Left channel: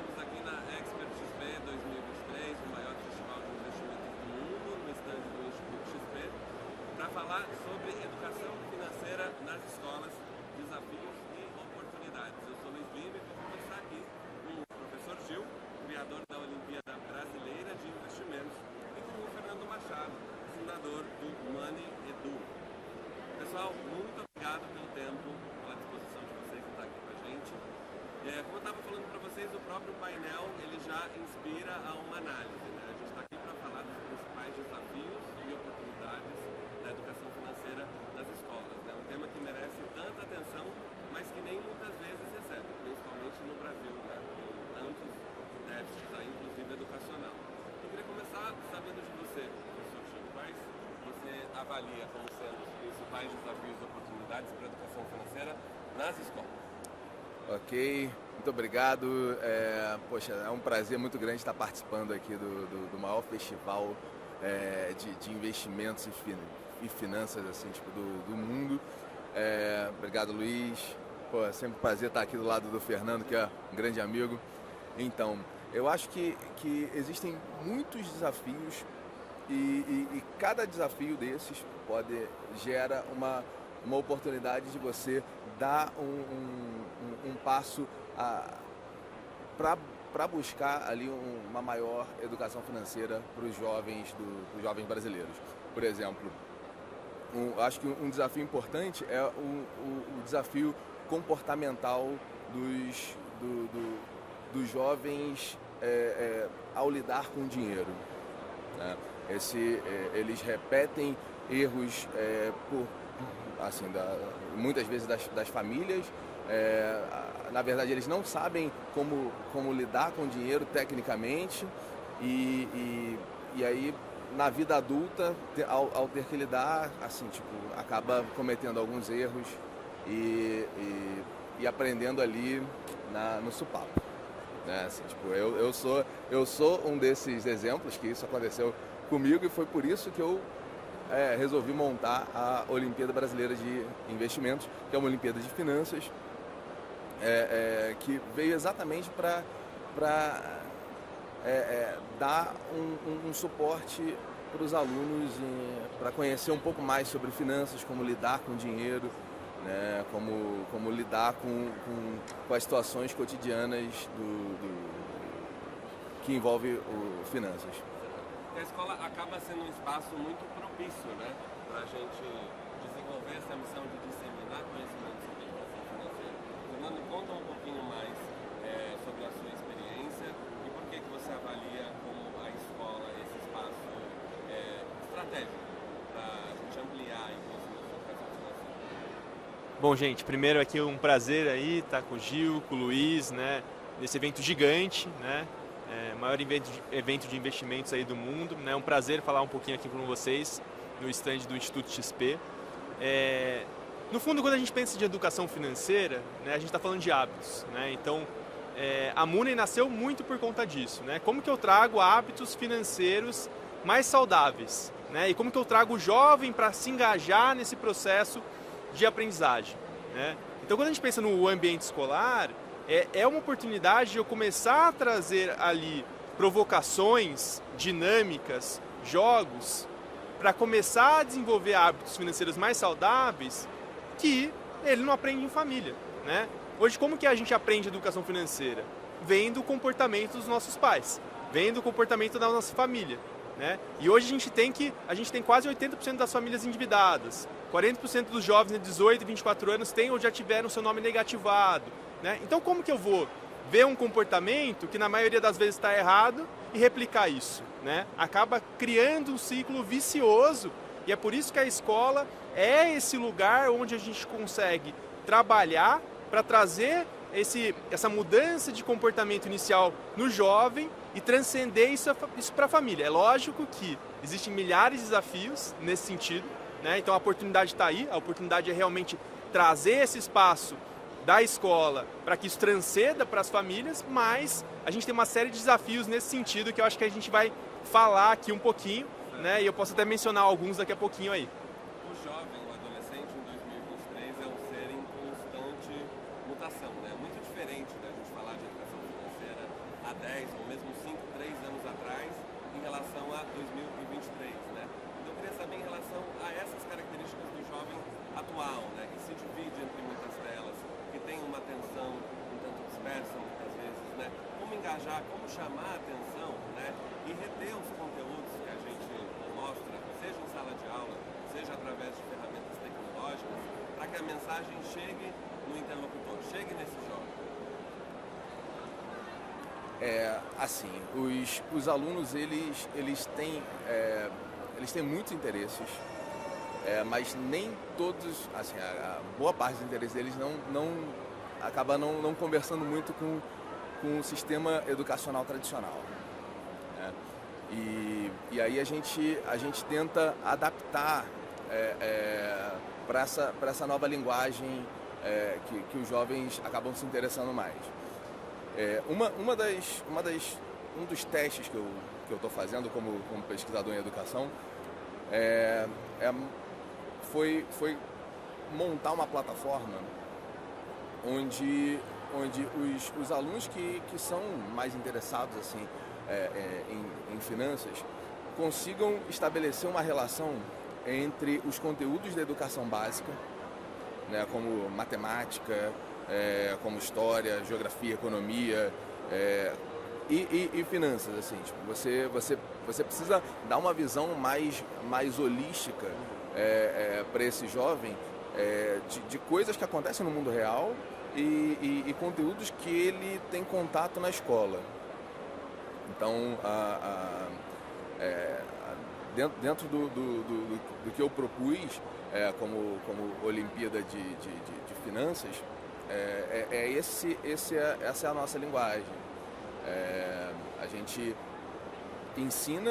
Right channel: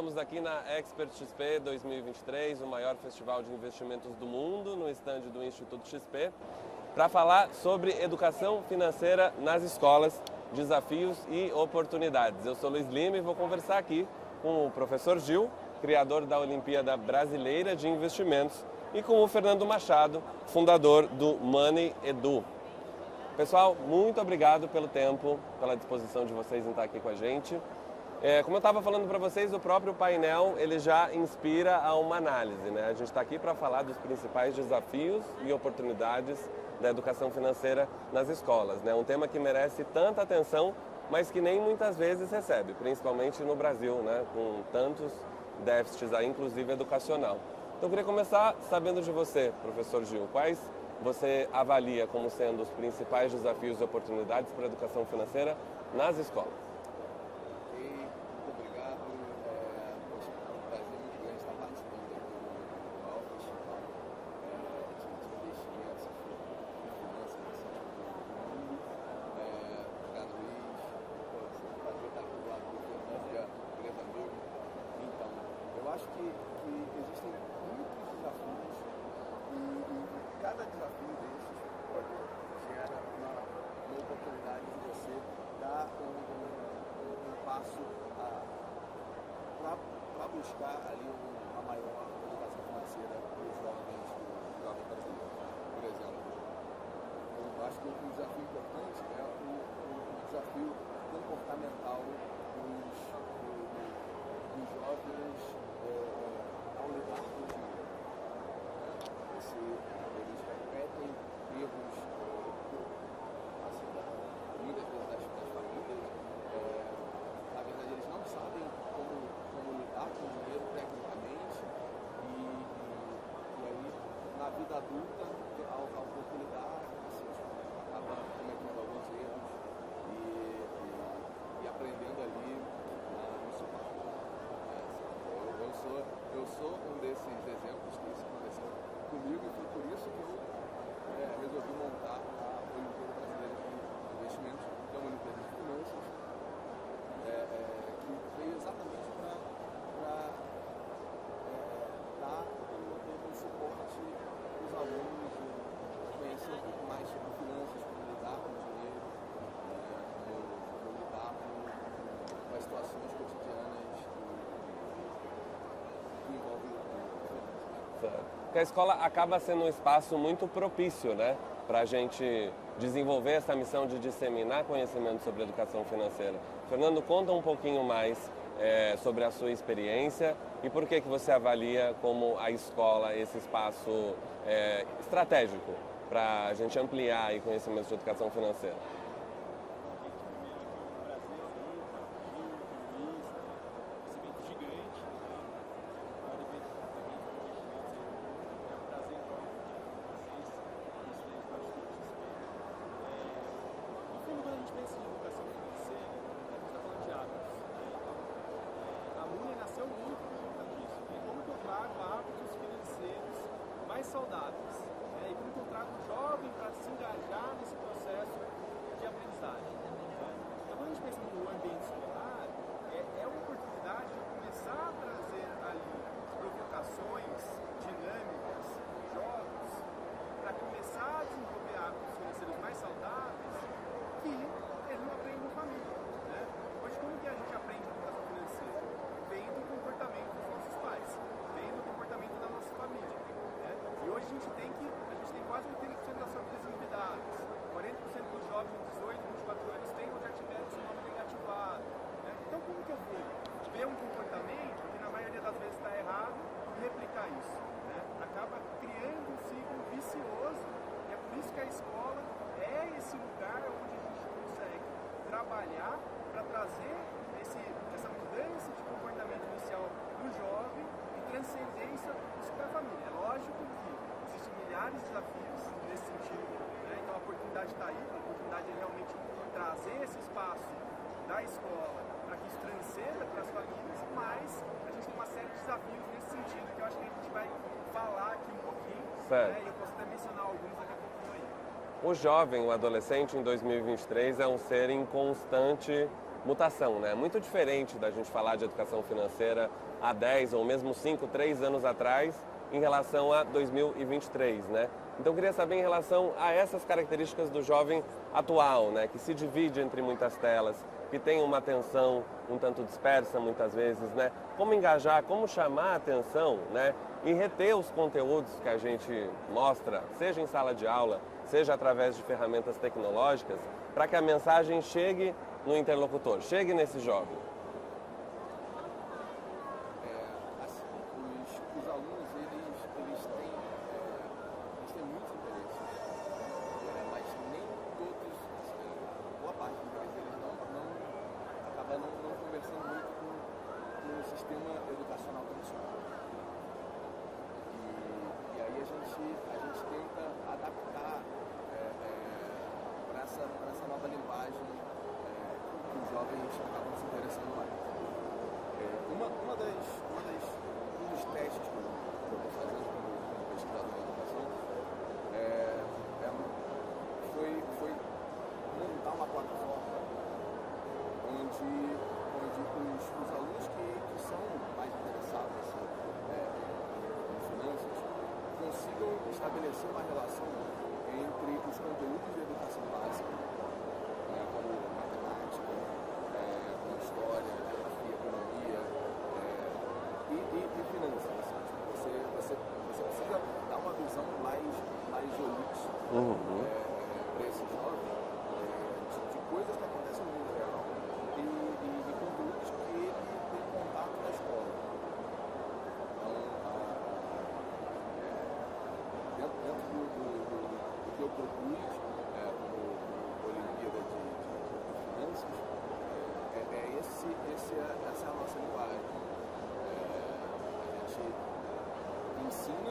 estamos aqui na Expert XP 2023, o maior festival de investimentos do mundo, no estande do Instituto XP, para falar sobre educação financeira nas escolas, desafios e oportunidades. Eu sou Luiz Lima e vou conversar aqui com o professor Gil, criador da Olimpíada Brasileira de Investimentos, e com o Fernando Machado, fundador do Money Edu. Pessoal, muito obrigado pelo tempo, pela disposição de vocês em estar aqui com a gente. Como eu estava falando para vocês, o próprio painel ele já inspira a uma análise, né? A gente está aqui para falar dos principais desafios e oportunidades da educação financeira nas escolas, né? Um tema que merece tanta atenção, mas que nem muitas vezes recebe, principalmente no Brasil, né? Com tantos déficits, aí, inclusive educacional. Então eu queria começar sabendo de você, professor Gil, quais você avalia como sendo os principais desafios e oportunidades para a educação financeira nas escolas? Ok, muito obrigado. Poxa, é um prazer muito grande estar participando aqui do maior festival de investimentos e finanças assim, tipo, do mundo. Obrigado, Luiz. Pô, é sempre um prazer estar aqui do lado do Fernando, que é um grande amigo. Então, eu acho que existem muitos desafios e cada desafio desses gera uma oportunidade de você dar um passo para buscar ali uma maior educação financeira para os jovens brasileiros. Por exemplo, acho que um desafio importante é o desafio comportamental dos jovens ao lidar com o dinheiro. Né? Eles repetem erros muitas vezes das famílias. Na verdade, eles não sabem como lidar com o dinheiro tecnicamente e aí na vida adulta, ao ter que lidar, assim, tipo, acaba cometendo alguns erros e aprendendo ali no supapo. Né? Assim, tipo, eu sou um desses exemplos que isso aconteceu comigo e foi por isso que eu resolvi montar a Olimpíada Brasileira de Investimentos, que é uma Olimpíada de Finanças, que veio exatamente para dar um suporte para os alunos para conhecer um pouco mais sobre finanças, como lidar com dinheiro, né, como lidar com as situações cotidianas que envolvem finanças. Porque a escola acaba sendo um espaço muito propício, né, para a gente desenvolver essa missão de disseminar conhecimento sobre educação financeira. Fernando, conta um pouquinho mais sobre a sua experiência e por que você avalia como a escola esse espaço estratégico para a gente ampliar o conhecimento de educação financeira. Bom, gente, primeiro aqui um prazer aí estar com o Gil, com o Luiz, né, nesse evento gigante, né, maior evento de investimentos aí do mundo, né, um prazer falar um pouquinho aqui com vocês no estande do Instituto XP. No fundo, quando a gente pensa de educação financeira, né, a gente está falando de hábitos, né, então a Money nasceu muito por conta disso, né, como que eu trago hábitos financeiros mais saudáveis, né, e como que eu trago o jovem para se engajar nesse processo de aprendizagem, né? Então, quando a gente pensa no ambiente escolar, é uma oportunidade de eu começar a trazer ali provocações, dinâmicas, jogos, para começar a desenvolver hábitos financeiros mais saudáveis que ele não aprende em família, né? Hoje, como que a gente aprende educação financeira? Vendo o comportamento dos nossos pais, vendo o comportamento da nossa família, né? E hoje a gente tem quase 80% das famílias endividadas, 40% dos jovens de 18 e 24 anos têm ou já tiveram seu nome negativado, né? Então como que eu vou ver um comportamento que na maioria das vezes está errado e replicar isso, né? Acaba criando um ciclo vicioso e é por isso que a escola é esse lugar onde a gente consegue trabalhar para trazer essa mudança de comportamento inicial no jovem e transcender isso para a família. É lógico que existem milhares de desafios nesse sentido, né? Então a oportunidade está aí, a oportunidade é realmente trazer esse espaço da escola para que isso transcenda para as famílias, mas a gente tem uma série de desafios nesse sentido que eu acho que a gente vai falar aqui um pouquinho, né? E eu posso até mencionar alguns daqui a pouquinho aí. O jovem, o adolescente em 2023 é um ser em constante mutação, né? Muito diferente da gente falar de educação financeira há 10 ou mesmo 5, 3 anos atrás em relação a 2023, né? Então eu queria saber em relação a essas características do jovem atual, né? Que se divide entre muitas telas, que tem uma atenção um tanto dispersa muitas vezes, né? Como engajar, como chamar a atenção, né? E reter os conteúdos que a gente mostra, seja em sala de aula, seja através de ferramentas tecnológicas, para que a mensagem chegue no interlocutor, chegue nesse jovem. Assim, os alunos, eles têm muitos interesses, mas nem todos, assim, a boa parte dos interesses deles acaba não conversando muito com o sistema educacional tradicional, né? E aí a gente tenta adaptar para essa nova linguagem que os jovens acabam se interessando mais. Um dos testes que eu estou fazendo como pesquisador em educação foi montar uma plataforma onde os alunos que são mais interessados assim, em finanças consigam estabelecer uma relação entre os conteúdos da educação básica, né, como matemática, como história, geografia, economia e finanças, assim, tipo, você precisa dar uma visão mais holística para esse jovem de coisas que acontecem no mundo real e conteúdos que ele tem contato na escola. Então, dentro do que eu propus como Olimpíada de Finanças, essa é a nossa linguagem. A gente ensina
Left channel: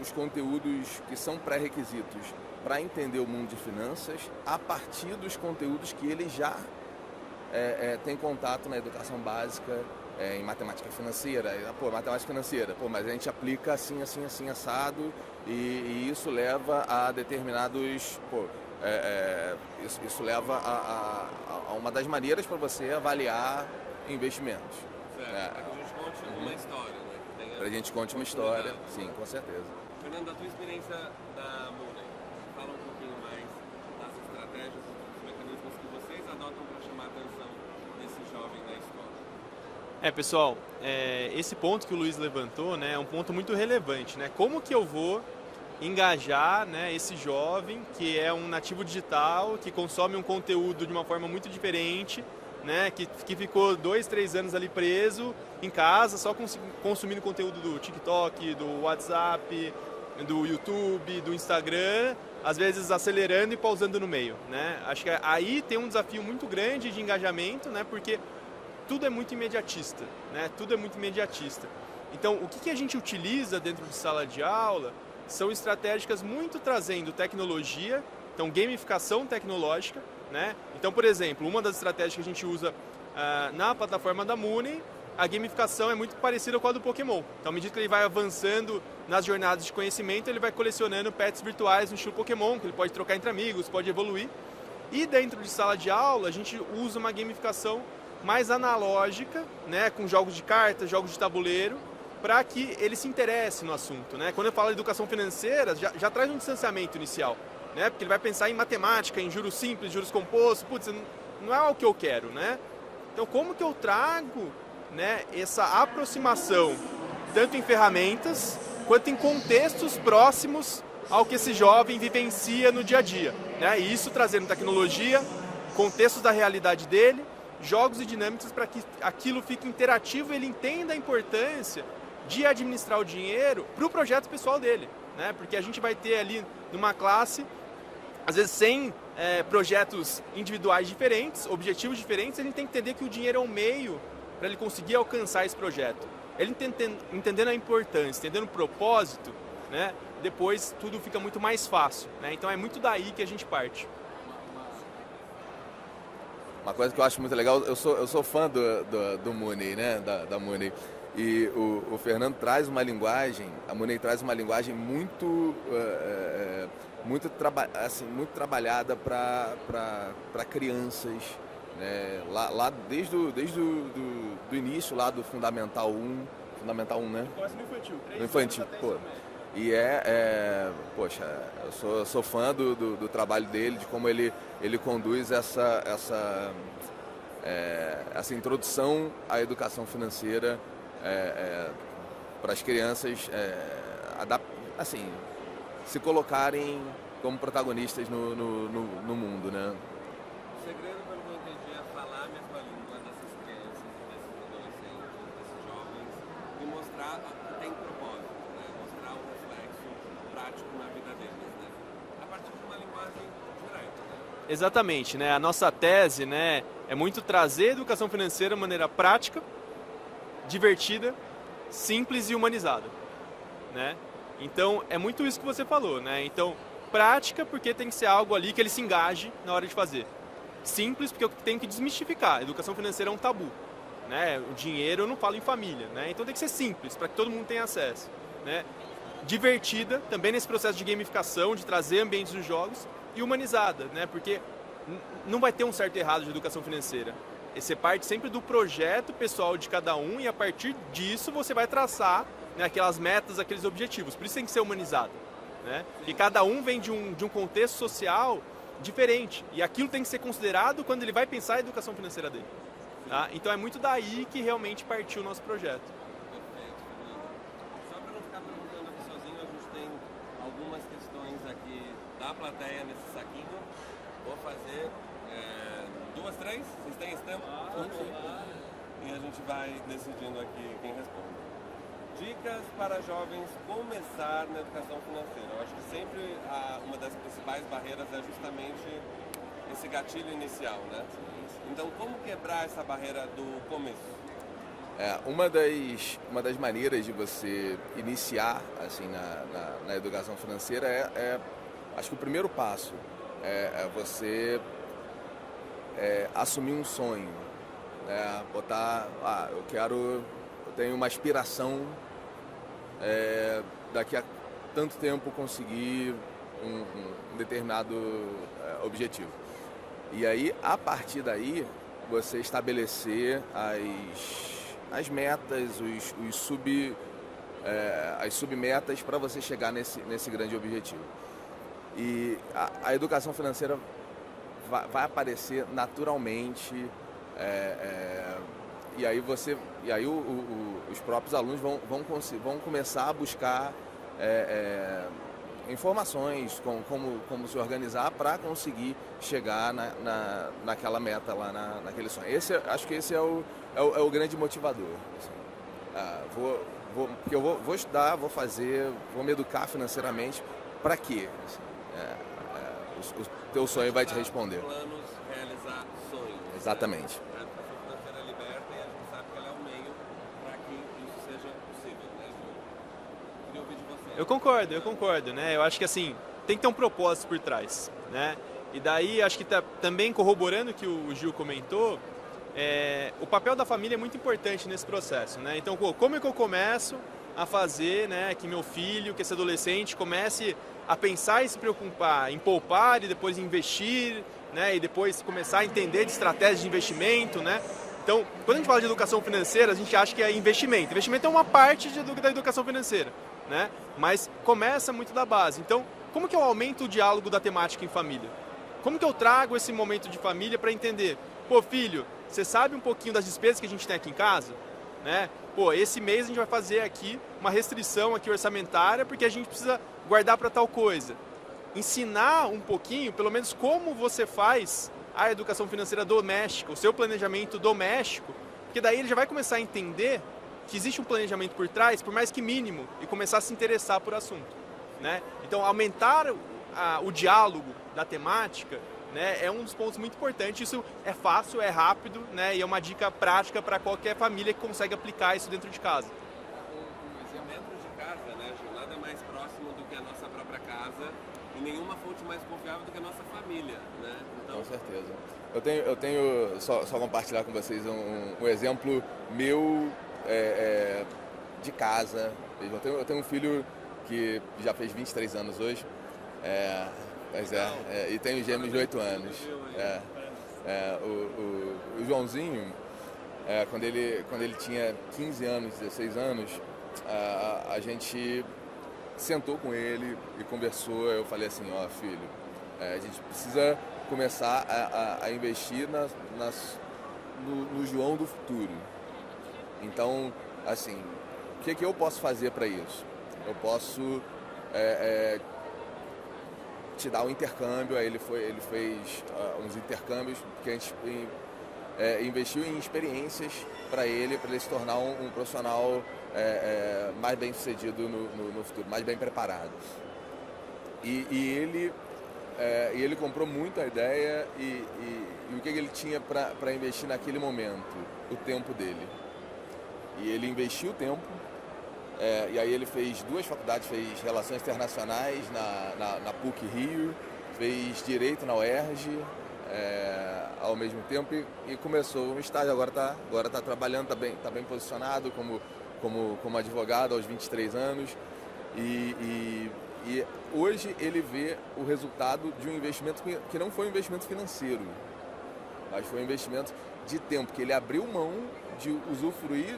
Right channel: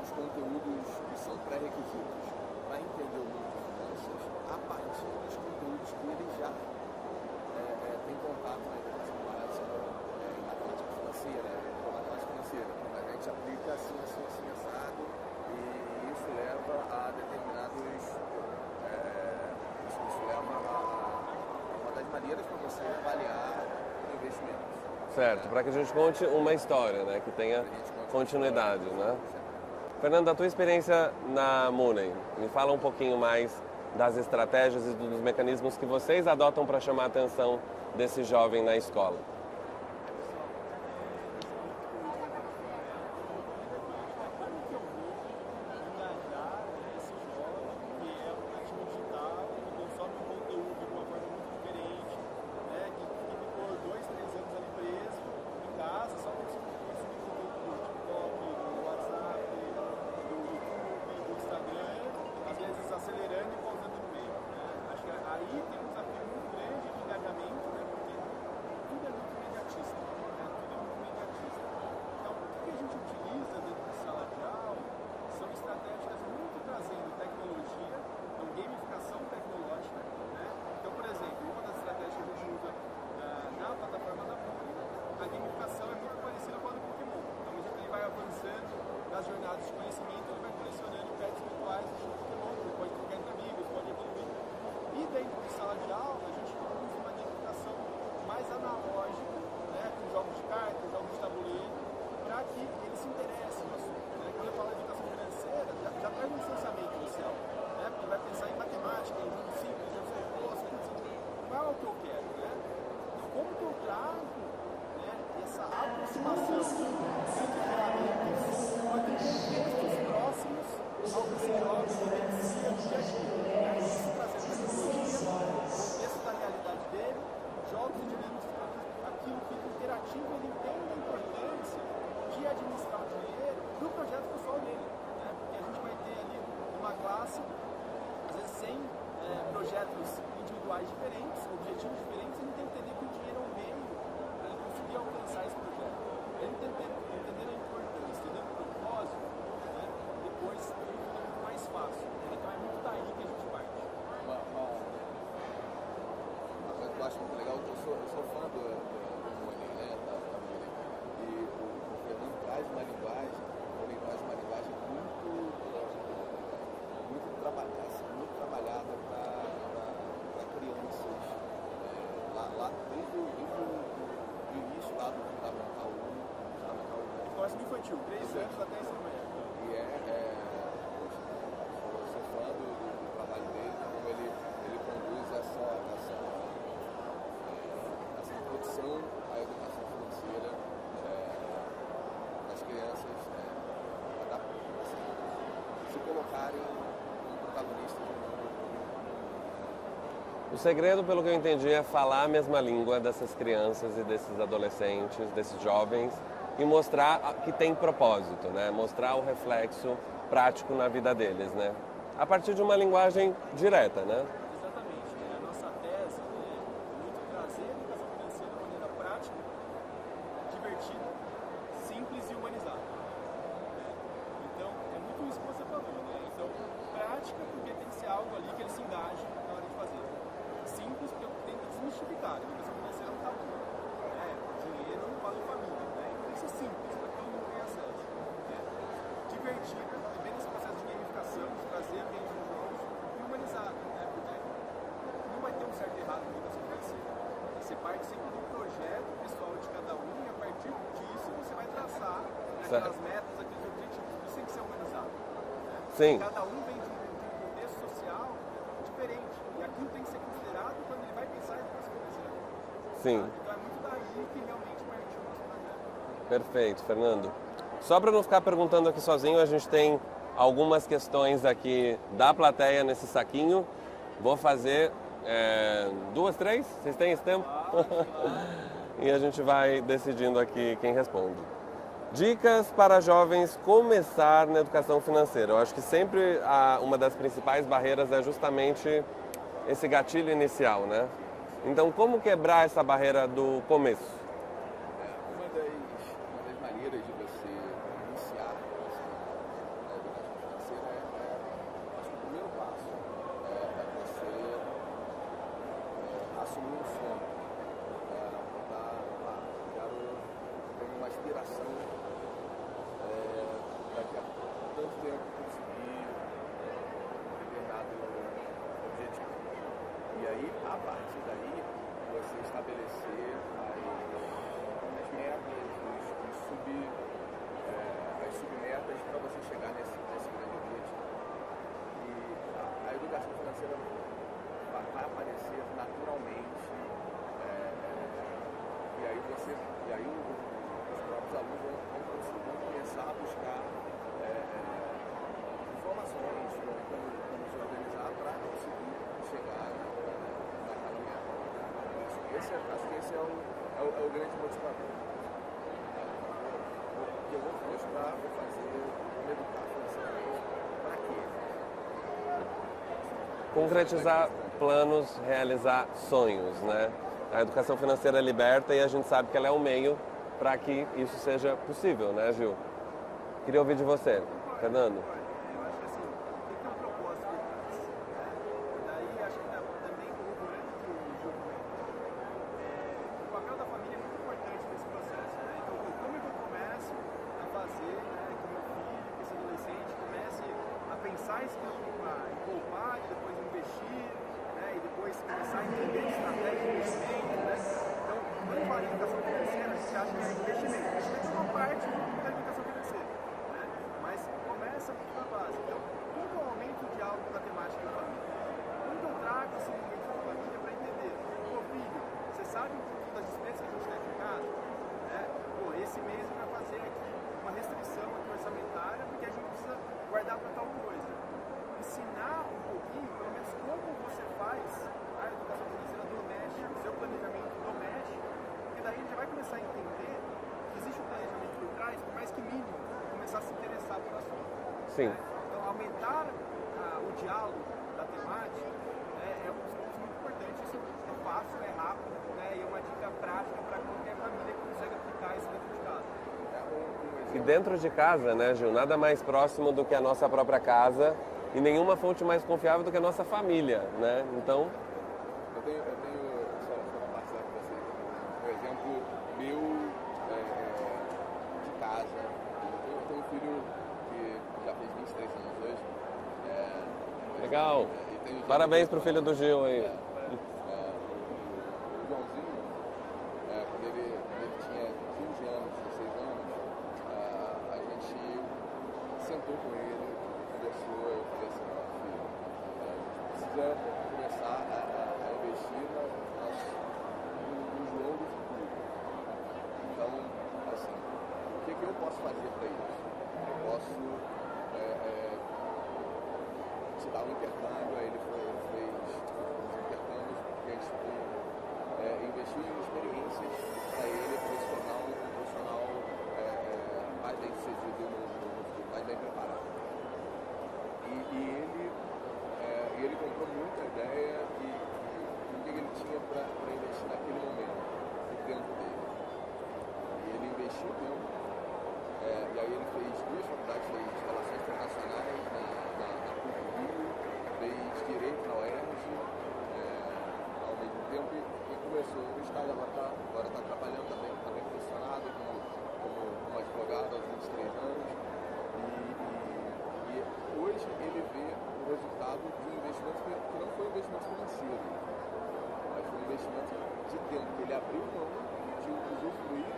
os conteúdos que são pré-requisitos para entender o mundo de finanças a partir dos conteúdos que ele já tem contato na educação básica, em matemática financeira. Matemática financeira, mas a gente aplica assim, assado, e isso leva a determinados... Isso leva a uma das maneiras para você avaliar investimentos. Certo, para que a gente conte uma história, né? Que tenha continuidade, né? Sim, com certeza. Fernando, a tua experiência na Mooney, me fala um pouquinho mais das estratégias e dos mecanismos que vocês adotam para chamar a atenção desse jovem na escola. Pessoal, esse ponto que o Luiz levantou, né, é um ponto muito relevante, né? Como que eu vou engajar, né, esse jovem que é um nativo digital, que consome um conteúdo de uma forma muito diferente, né, que ficou 2, 3 anos ali preso em casa, só consumindo conteúdo do TikTok, do WhatsApp, do YouTube, do Instagram, às vezes acelerando e pausando no meio, né? Acho que aí tem um desafio muito grande de engajamento, né, porque tudo é muito imediatista, né? Tudo é muito imediatista. Então, o que a gente utiliza dentro de sala de aula são estratégicas muito trazendo tecnologia, então gamificação tecnológica, né? Então, por exemplo, uma das estratégias que a gente usa na plataforma da Mooney, a gamificação é muito parecida com a do Pokémon. Então, à medida que ele vai avançando nas jornadas de conhecimento, ele vai colecionando pets virtuais no estilo Pokémon, que ele pode trocar entre amigos, pode evoluir. E dentro de sala de aula, a gente usa uma gamificação mais analógica, né, com jogos de cartas, jogos de tabuleiro, para que ele se interesse no assunto, né? Quando eu falo de educação financeira, já traz um distanciamento inicial, né? Porque ele vai pensar em matemática, em juros simples, juros compostos, putz, não é o que eu quero, né? Então, como que eu trago, né, essa aproximação, tanto em ferramentas, quanto em contextos próximos ao que esse jovem vivencia no dia a dia, né? E isso trazendo tecnologia, contextos da realidade dele, jogos e dinâmicas para que aquilo fique interativo e ele entenda a importância de administrar o dinheiro para o projeto pessoal dele, né? Porque a gente vai ter ali numa classe, às vezes 100 projetos individuais diferentes, objetivos diferentes, a gente tem que entender que o dinheiro é um meio para ele conseguir alcançar esse projeto. Ele entendendo a importância, entendendo o propósito, né? Depois tudo fica muito mais fácil, né? Então é muito daí que a gente parte. Uma coisa que eu acho muito legal, eu sou fã do Mooney, né? Da Mooney. E o Fernando traz uma linguagem, a Mooney traz uma linguagem muito trabalhada para crianças, né? Lá desde do início lá do Fundamental 1, né? Do infantil, pô. E poxa, eu sou fã do trabalho dele, de como ele conduz essa introdução à educação financeira para as crianças assim, se colocarem como protagonistas no mundo, né? O segredo, pelo que eu entendi, é falar a mesma língua dessas crianças e desses adolescentes, desses jovens, e mostrar que tem propósito, né? Mostrar o reflexo prático na vida deles, né? A partir de uma linguagem direta, né? Exatamente, né? A nossa tese, né, é muito trazer a educação financeira de maneira prática, divertida, simples e humanizada, né? Então, é muito isso que você falou, né? Então, prática porque tem que ser algo ali que ele se engaje na hora de fazer. Simples porque eu tenho que desmistificar. A educação financeira é um tabu, né? O dinheiro eu não falo em família, né? Então tem que ser simples para que todo mundo tenha acesso, né? Divertida também nesse processo de gamificação, de trazer ambientes dos jogos, e humanizada, né? Porque não vai ter um certo e errado de educação financeira. Você parte sempre do projeto pessoal de cada um e a partir disso você vai traçar, né, aquelas metas, aqueles objetivos. Por isso tem que ser humanizado, né? Sim. E cada um vem de um contexto social diferente e aquilo tem que ser considerado quando ele vai pensar a educação financeira dele. Sim. Tá? Então é muito daí que realmente partiu o nosso projeto. Perfeito, Fernando. Só para não ficar perguntando aqui sozinho, a gente tem algumas questões aqui da plateia nesse saquinho. Vou fazer 2, 3? Vocês têm esse tempo? E a gente vai decidindo aqui quem responde. Dicas para jovens começar na educação financeira. Eu acho que sempre uma das principais barreiras é justamente esse gatilho inicial, né? Então, como quebrar essa barreira do começo? Uma das maneiras de você iniciar assim, na educação financeira acho que o primeiro passo é você assumir um sonho, botar, eu tenho uma aspiração daqui a tanto tempo conseguir um determinado objetivo. E aí, a partir daí, você estabelecer as metas, as submetas para você chegar nesse grande objetivo. E a educação financeira vai aparecer naturalmente, e aí os próprios alunos vão começar a buscar informações, como se organizar para conseguir chegar naquela meta lá, naquele sonho. Acho que esse é o grande motivador. Eu vou estudar, vou fazer, vou me educar financeiramente, para quê? O teu sonho vai te responder. Planos, realizar sonhos. Exatamente. Né? A educação financeira liberta e a gente sabe que ela é um meio para que isso seja possível, né, Gil? Queria ouvir de você. Eu concordo, né? Eu acho que assim, tem que ter um propósito por trás, né? E daí, acho que também corroborando o que o Gil comentou, o papel da família é muito importante nesse processo, né? Então, como é que eu começo a fazer, né, que meu filho, que esse adolescente comece a pensar e se preocupar em poupar e depois investir, né? E depois começar a entender de estratégias de investimento, né? Então, quando a gente fala de educação financeira, a gente acha que é investimento. Investimento é uma parte da educação financeira, né? Mas começa muito da base. Então, como que eu aumento o diálogo da temática em família? Como que eu trago esse momento de família para entender? Pô, filho, você sabe um pouquinho das despesas que a gente tem aqui em casa? Né? Pô, esse mês a gente vai fazer aqui uma restrição aqui orçamentária porque a gente precisa guardar para tal coisa. Ensinar um pouquinho, pelo menos como você faz a educação financeira doméstica, o seu planejamento doméstico, porque daí ele já vai começar a entender que existe um planejamento por trás, por mais que mínimo, e começar a se interessar por assunto. Né? Então, aumentar o diálogo da temática, né, é um dos pontos muito importantes. Isso é fácil, é rápido, né, e é uma dica prática para qualquer família que consegue aplicar isso dentro de casa. E dentro de casa, né, Gil, nada mais próximo do que a nossa própria casa e nenhuma fonte mais confiável do que a nossa família, né? Então... Com certeza. Eu tenho só compartilhar com vocês um exemplo meu de casa. Eu tenho um filho que já fez 23 anos hoje. Legal. E tem um gêmeo Parabéns de 8 pro filho anos. do Gil aí. Joãozinho, quando ele tinha 15 anos, 16 anos, a gente sentou com ele e conversou. Eu falei assim, ó, filho, a gente precisa começar a investir no João do futuro. Então, assim, o que eu posso fazer para isso? Eu posso te dar um intercâmbio. Aí ele fez uns intercâmbios que a gente investiu em experiências para ele se tornar um profissional mais bem sucedido no futuro, mais bem preparado. E ele comprou muito a ideia e o que ele tinha para investir naquele momento? O tempo dele. E ele investiu o tempo, e aí ele fez 2 faculdades, fez Relações Internacionais na PUC-Rio, fez Direito na UERJ, ao mesmo tempo, e começou um estágio. Agora tá trabalhando, tá bem posicionado como advogado aos 23 anos, e hoje ele vê o resultado de um investimento que não foi um investimento financeiro, mas foi um investimento de tempo, que ele abriu mão de usufruir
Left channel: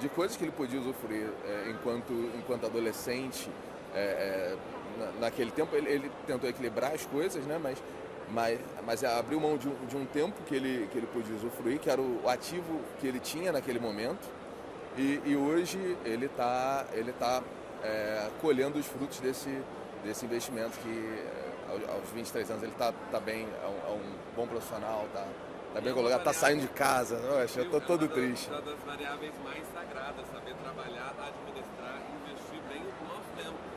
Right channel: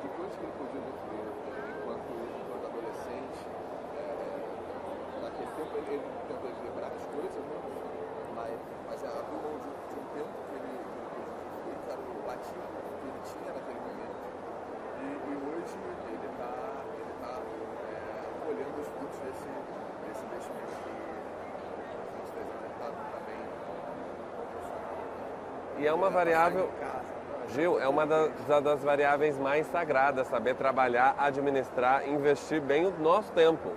de coisas que ele podia usufruir enquanto adolescente. Naquele tempo ele tentou equilibrar as coisas, né? Mas abriu mão de um tempo que ele podia usufruir, que era o ativo que ele tinha naquele momento, e hoje ele está colhendo os frutos desse investimento, que aos 23 anos ele está bem, é um bom profissional, e é uma variável, tá saindo de casa. Viu? É uma das variáveis mais sagradas, saber trabalhar, administrar, investir bem o nosso tempo.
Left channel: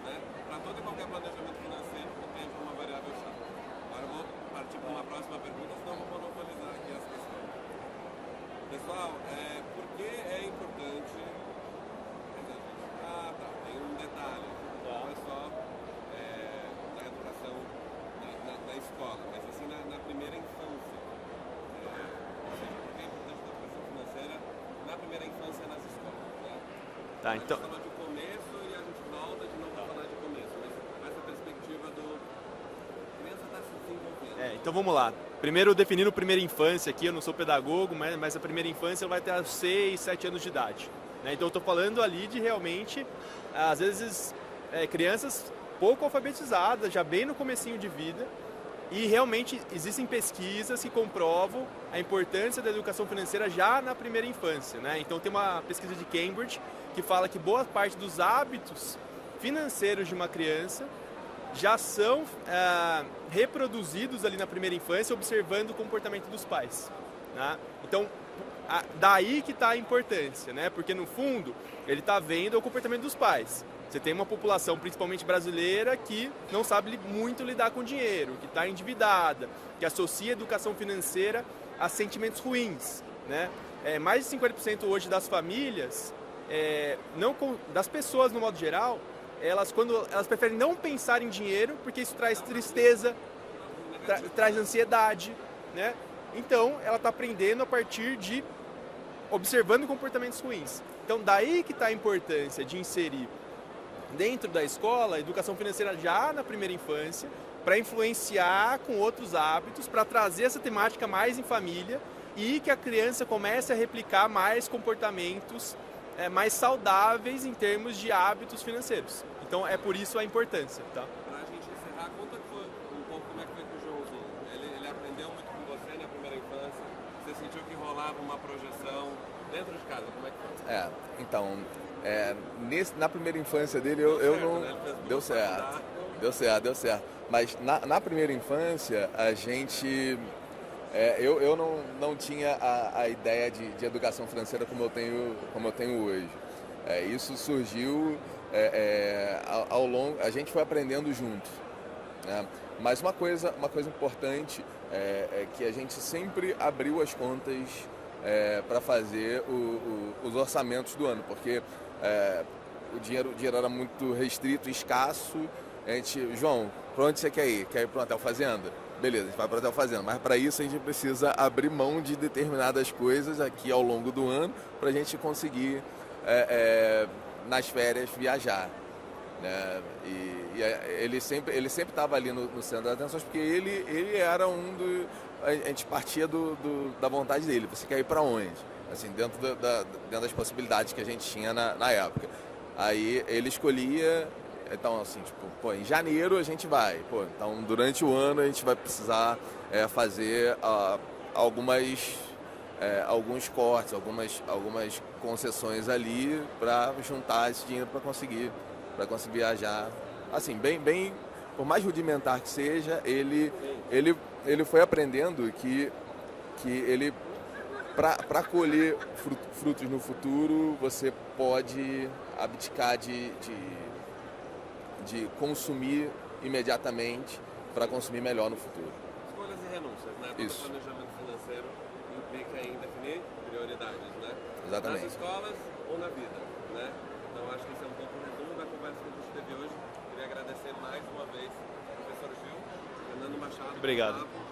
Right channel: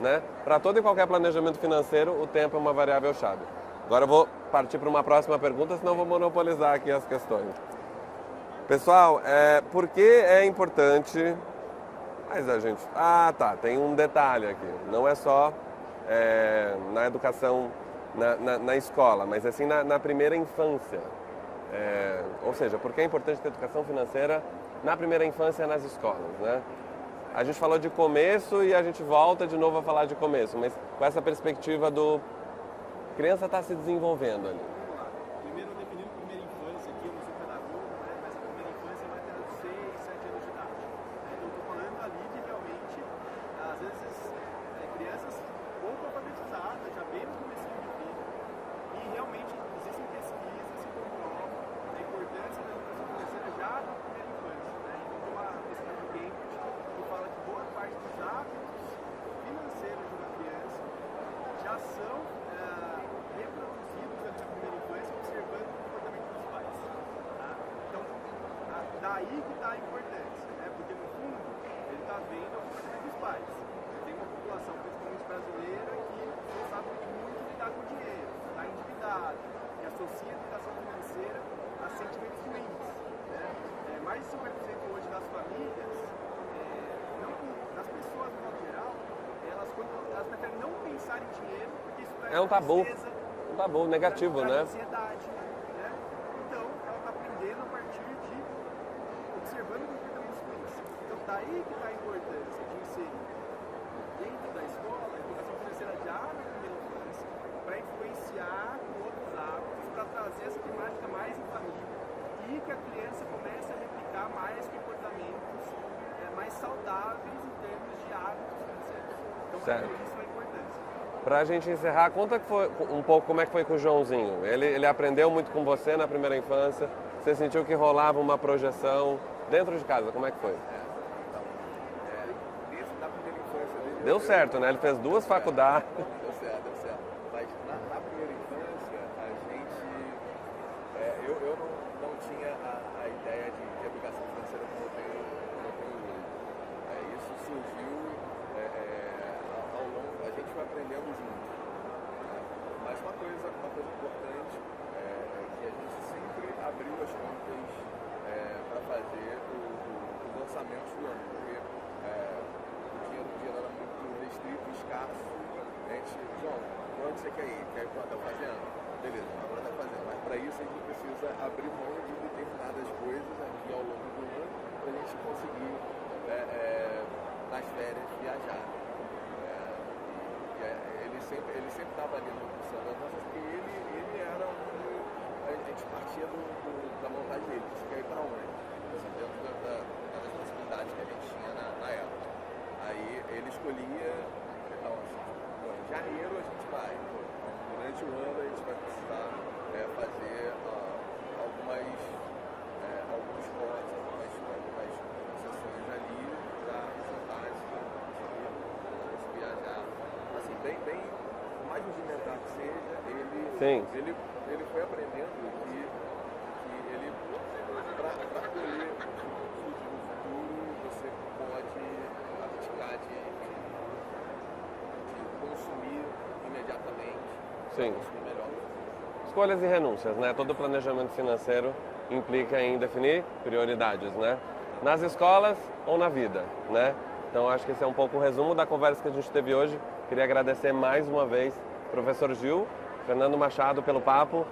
Né? Para todo e qualquer planejamento financeiro, o tempo é uma variável chave. Agora eu vou partir para uma próxima pergunta, senão eu vou monopolizar aqui as questões. Pessoal, por que é importante... Mas a gente... tem um detalhe aqui. Não é só na educação, na escola, mas assim na primeira infância. Ou seja, por que é importante ter educação financeira na primeira infância nas escolas, né? A gente falou de começo e a gente volta de novo a falar de começo, mas com essa perspectiva do... criança está se desenvolvendo. Então vamos lá. Primeiro, definindo primeira infância aqui, eu não sou pedagogo, mas a primeira infância vai ter 6, 7 anos de idade. Né? Então eu estou falando ali de realmente, às vezes, crianças pouco alfabetizadas, já bem no comecinho de vida, e realmente existem pesquisas que comprovam a importância da educação financeira já na primeira infância. Né? Então tem uma pesquisa de Cambridge que fala que boa parte dos hábitos financeiros de uma criança já são reproduzidos ali na primeira infância, observando o comportamento dos pais. Né? Então, daí que está a importância, né? Porque no fundo ele está vendo o comportamento dos pais. Você tem uma população, principalmente brasileira, que não sabe muito lidar com dinheiro, que está endividada, que associa a educação financeira a sentimentos ruins. Né? Mais de 50% hoje das famílias, das pessoas no modo geral, elas preferem não pensar em dinheiro, porque isso traz tristeza, tabu negativo, traz né? ansiedade. Né? Então, ela está aprendendo a partir de observando comportamentos ruins. Então, daí que está a importância de inserir dentro da escola a educação financeira já na primeira infância, para influenciar com outros hábitos, para trazer essa temática mais em família e que a criança comece a replicar mais comportamentos mais saudáveis em termos de hábitos financeiros. Então, é por isso a importância. Tá? Para a gente encerrar, conta um pouco como é que foi com o Joãozinho. Ele aprendeu muito com você na primeira infância, você sentiu que rolava uma projeção dentro de casa, como é que foi? Então, na primeira infância dele... Deu certo, né? Ele fez 2 faculdades. Deu certo. Mas na primeira infância, a gente... eu não tinha a ideia de educação financeira como eu tenho hoje. Isso surgiu ao longo... A gente foi aprendendo junto. Né? Mas uma coisa importante é que a gente sempre abriu as contas para fazer os orçamentos do ano, porque o dinheiro era muito restrito, escasso. A gente, João, para onde você quer ir? Quer ir para o Hotel Fazenda? Beleza, a gente vai para o Hotel Fazenda, mas para isso a gente precisa abrir mão de determinadas coisas aqui ao longo do ano para a gente conseguir, nas férias, viajar. Né? E ele sempre estava ali no centro das atenções, porque ele era a gente partia da vontade dele. Você quer ir para onde? Assim, dentro das possibilidades que a gente tinha na época. Aí ele escolhia, então assim, tipo, pô, em janeiro a gente vai. Pô, então durante o ano a gente vai precisar fazer alguns cortes, algumas concessões ali para juntar esse dinheiro para conseguir viajar. Assim, bem, por mais rudimentar que seja, ele foi aprendendo que ele, para colher frutos no futuro, você pode abdicar de consumir imediatamente para consumir melhor no futuro. Escolhas e renúncias, né? Todo Isso. planejamento financeiro implica em definir prioridades, né? Exatamente. Nas escolas ou na vida, né? Então acho que esse é um pouco o resumo da conversa que a gente teve hoje. Queria agradecer mais uma vez professor Gil, Fernando Machado, Obrigado. pelo papo.